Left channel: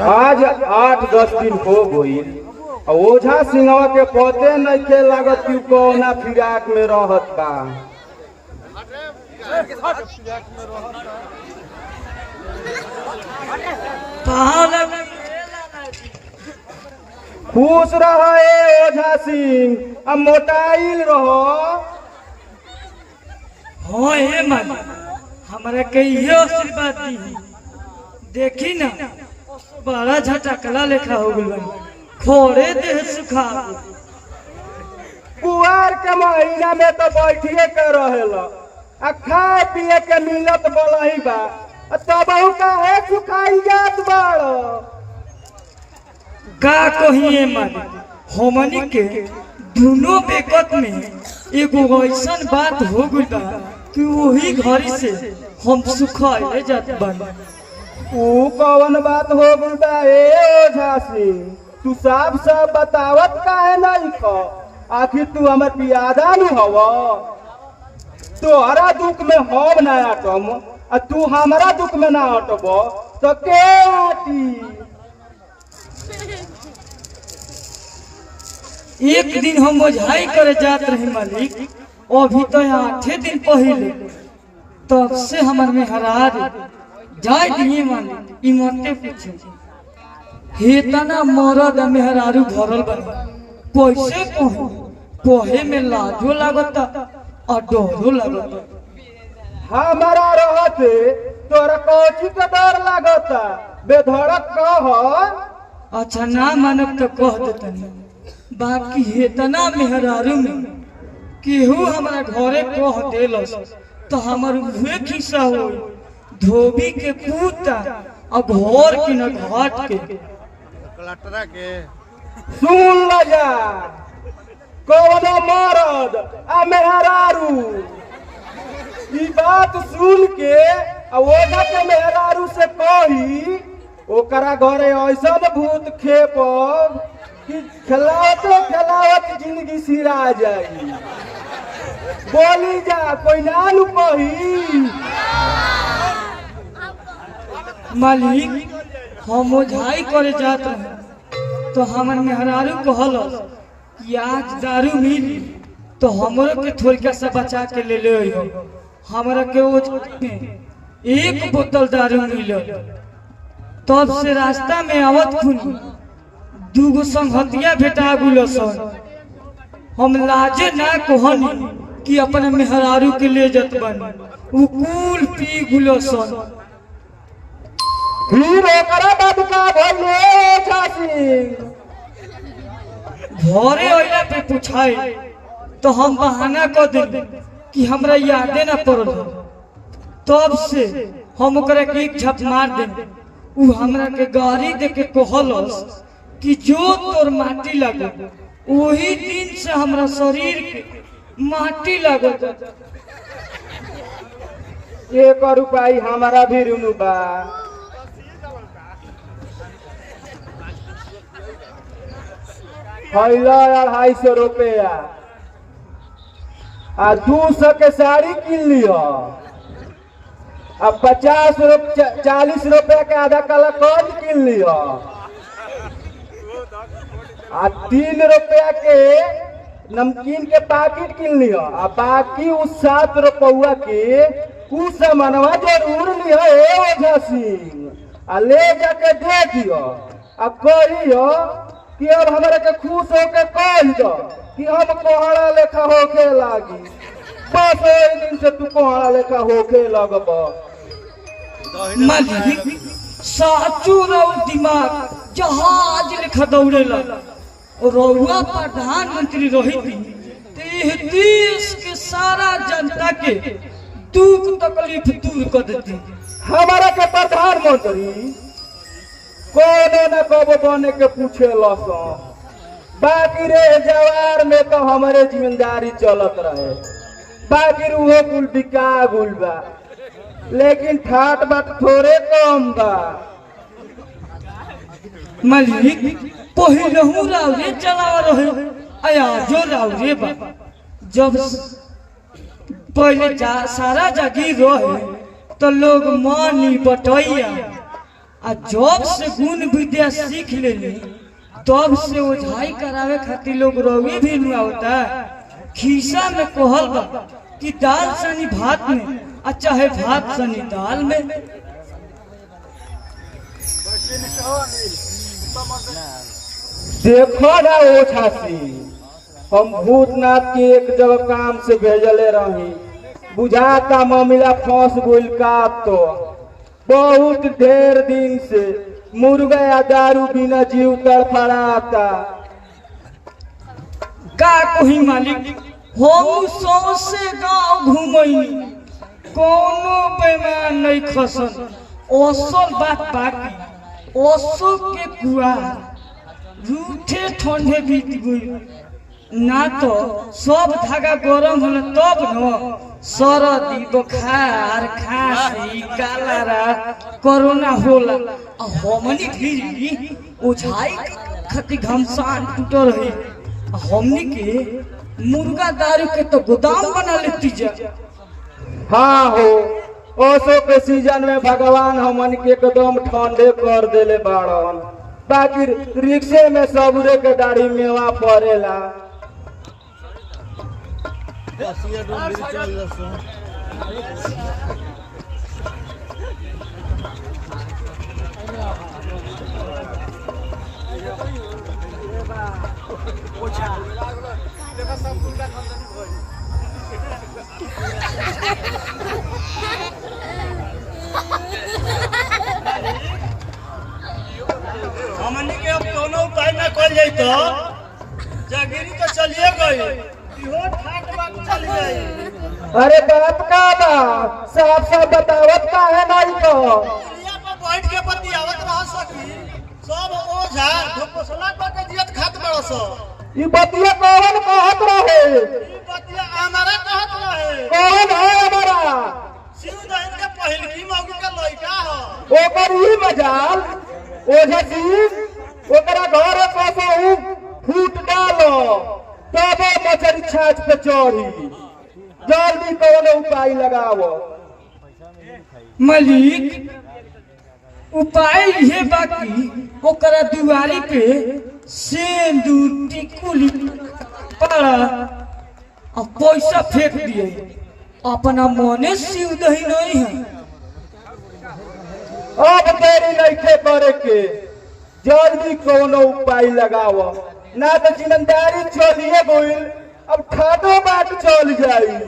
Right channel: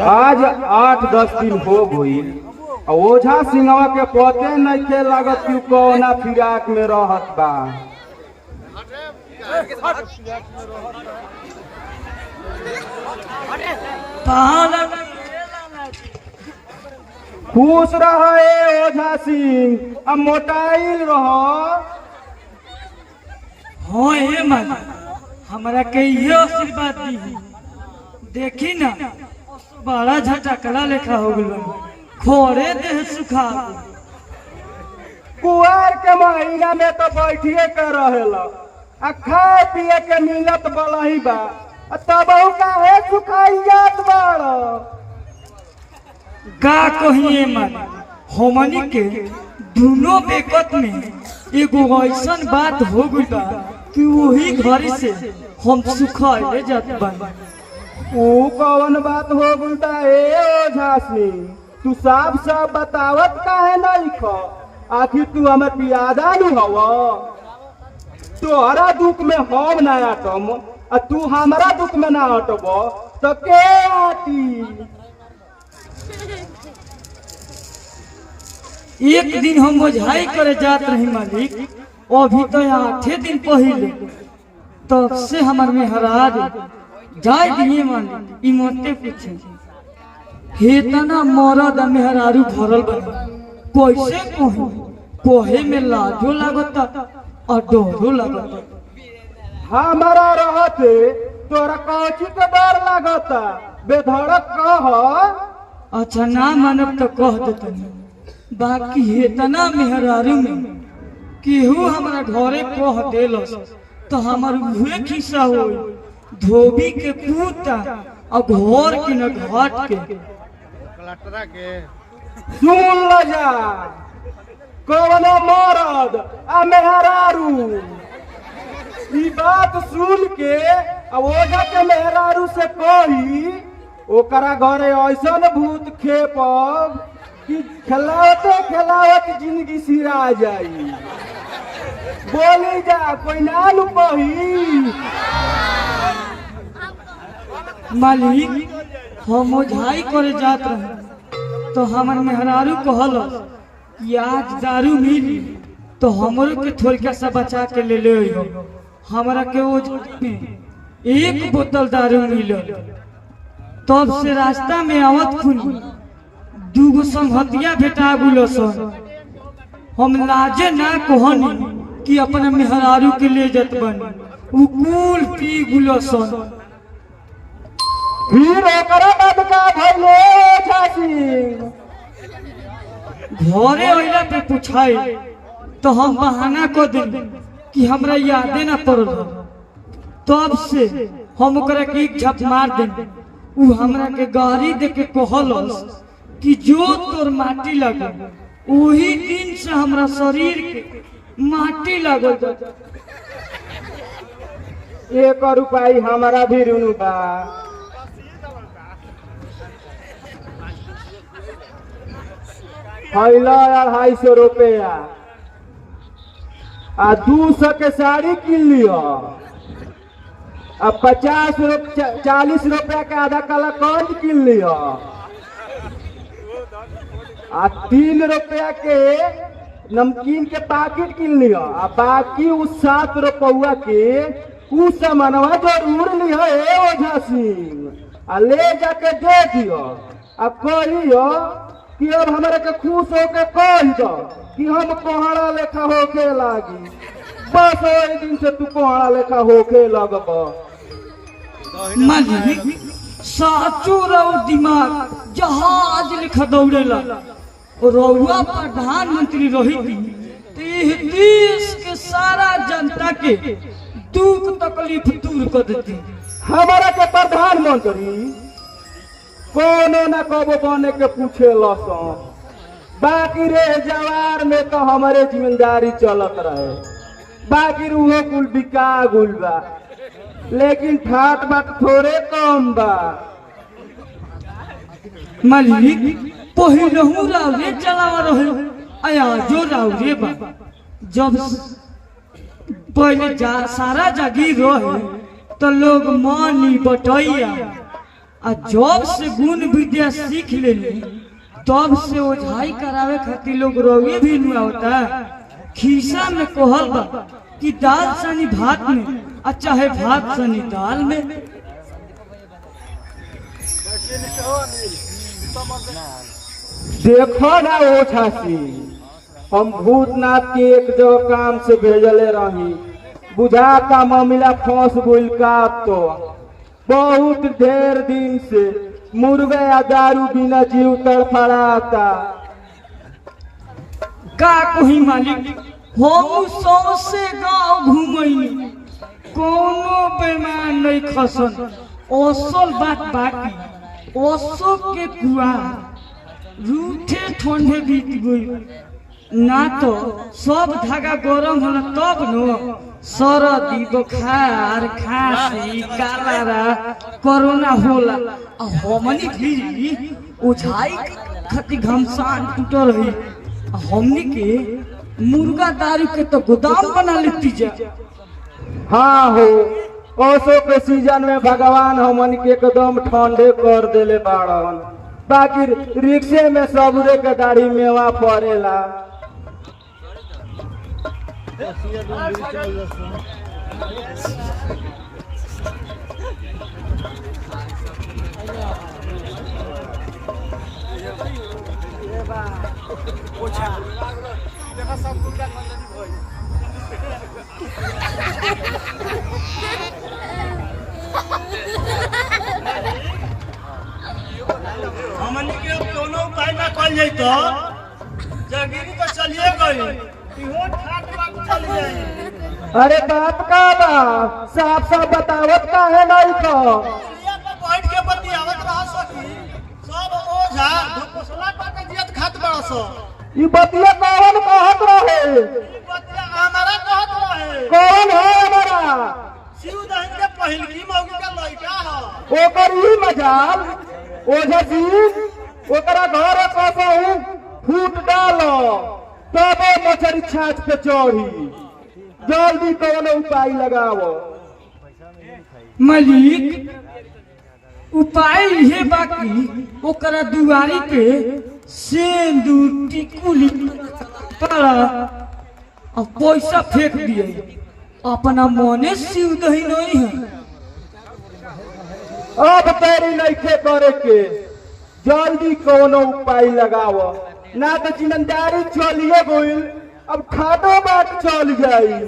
आज 8-10 दिन हो गई। ओझा सिंहवा के पते नहीं के लागत कि कौना फिराक में रहत बा। खुश रहे ओझा सिंह, अब मोटाइल रहो। हो हे मन हमरा के यो आशीर्वाद दी। देखी ना बड़ा झटकला लेखा हो गइल, खोरे देह सुखा। कुआर के महीना में तो बैठिए कर रहेला, आ खाए पिए के मिलत बलही बा, तब का सुखाई जात बाड़। का कहिए मन हमनी के दोनों बेकत में एगो ऐसन बात हो गइल बा कि वही घड़ी से हम सुखाए जात बानी। ऊ कौन बात हो गइल बा ए ओझा सिंह? तू साफ साफ बतावत काहे नहीं खो? आखिर तू हमर पियादा नु हव। तोहरा दुख में हम ना अटम, आ तू हमारा दुख में ना अटब तो के आटी? एक दिन हम ओझाई करे जात रही मालिक, अभी तो 8 दिन पहले तब से हमार में हरार जाए दिए मालिक। ई मते पूछे हेतना मरद मेहरारू भरल बा, कैसे कहूं? पहे में लाजो लागता और डरो लागता। हमारा रहते तोरा कौची के डर लागता? बेधड़क कह। अच्छा ना मानब तो कह देतनी, बाकी हेतना मेहरारू में केहू हमारे घरे कह देलस तो हमार उहे खिस्सा हो। धोबी के पूता और घोर के न घाट के। सुन ल जा, कौनो मरद आ मेहरारू ई बात सुन के ओझा के मेहरारू से कही ओकरा घरे ऐसन भूत खेपब कि खिलावते खिलावत जिंदगी सिरा जाई। बोली जा, कोई नानू कही। मालिक हम ओझाई करे जात रहे तो हमर मेहरारू कहलस कि आज दारू मिली तो हमरो के थोड़ा सा बचा के ले ले हो। हमरा के ओझाई में 1 बोतल दारू मिलल। तब से रास्ता में आवत खुनी 2 संगतिया भेटा गुलसन। हम लाजे ना कहनी कि अपने मेहरारू के ले जत बनी, उ कुल पी गुलसन। फिर ओकरा बाद का भइले ओझा सिंह? घरे अइला पे पूछाई तो हम बहाना कर देली कि हमरा यादे ना पड़ल। तब से हम ओकरा के एक झप मार देली। उ हमरा के गाड़ी दे के कहलस कि जो तोर माटी लागल, वही दिन से हमरा शरीर के माटी लागल। 1 रुपया हमारा भी ऋण बा। पहले 250 रुपया आ 200 के साड़ी किन लियो। अब 40 रुपया के आधा काला कंद किन लियो। आ 3 रुपया के नमकीन के पैकेट किन लियो। आ बाकी उस 7 रुपया के उ सामानवा जरूर लियो ए ओझा सिंह। आ ले जाके दे दियो। अब कहियो कि अब हमारे के खुश होके कह दो कि हम कोहड़ा लेखा होके लागी। बस वही दिन से तू कोहड़ा लेखा होके लगब। मालिक साचू रहो दिमाग जहाज लेखा दौड़ेला। और रउआ प्रधानमंत्री रही थी देश के सारा जनता के दुख तकलीफ दूर कर देती। हमारा के प्रधानमंत्री कोनो न कबो बने के पूछे लस। बाकी रे जवार में तो हमारे जिम्मेदारी चलत रहे। बाकी रूहो कुल बिका गुल बा, लेकिन ठाट बाट थोड़े कम बा। मालिक पहिलहू रावरे चलावा रहे, आया जो रावरे बा। जब पहले सारा जागीर रहे तो लोग मानी बटैया। आ जब से गुण विद्या सीख लेनी तब से ओझाई करावे खातिर लोग रोवे भी न होता। खीसा में कहल बा कि दाल सनी भात में आ चाहे भात सनी दाल में। देखो ना ओझासी, हम भूतनाथ के एक जगह काम से भेजले रही, बुझाता मामला फंस गइल का। तो बहुत ढेर दिन से मुर्गा या दारू बिना जीव तड़फड़ाता। का कही मालिक, हम सौसे गांव घूमई कोनो बेमान नहीं खसन। असल बात बाकी ओसो के कुआर रूठे ठंडे बीत गई ना। तो सब धागा गरम होला तब न सरदी बुखार खांसी कालारा कोरोना होला। हमनी भी उछाई खती घमसान टूट रही। हमनी के मुर्गा दारू के तो गोदाम बना लेती जा। हाँ हो, ओसो के सीजन में भगवान हमन के एकदम ठंडे कर देले बाड़न। बाकी रिक्शे में सबरे के दाढ़ी मेवा पड़ेला। हमनी के कोनो उपाय ना कल जाई तो जागिरी तो चलिए गई, इहो ठाट बाट चल जाई। अरे बात का बा, साफ साफ बतावत का है नहीं तो। दुनिया पर बैठ के बतियावत रह सकी, सब ओझा घोसला के जियत खात बड़ सो। ये बतिया कौन कहत रहे? ई बतिया हमारा कहत रहे। कौन है हमारा? शिव दहन के पहिलकी मौगी के लइका ह। ओकर ही मजाल ओझा सिंह, ओकरा घर से फूट डालो तबे मछली छाछ पे चढ़ी। जल्दी कौन उपाय लगाओ। मालिक उपाय ये बाकी ओकरा दुआरी पे सिंदूर टिकुली पड़ा और पैसा फेंक दिए। अपना मने शिव दही नहीं है। अब तेरी नइखे करे के, जल्दी कोनो उपाय लगाओ, ना तो जिम्मेदारी चलिए गई, अब खादो बाट चल जाई।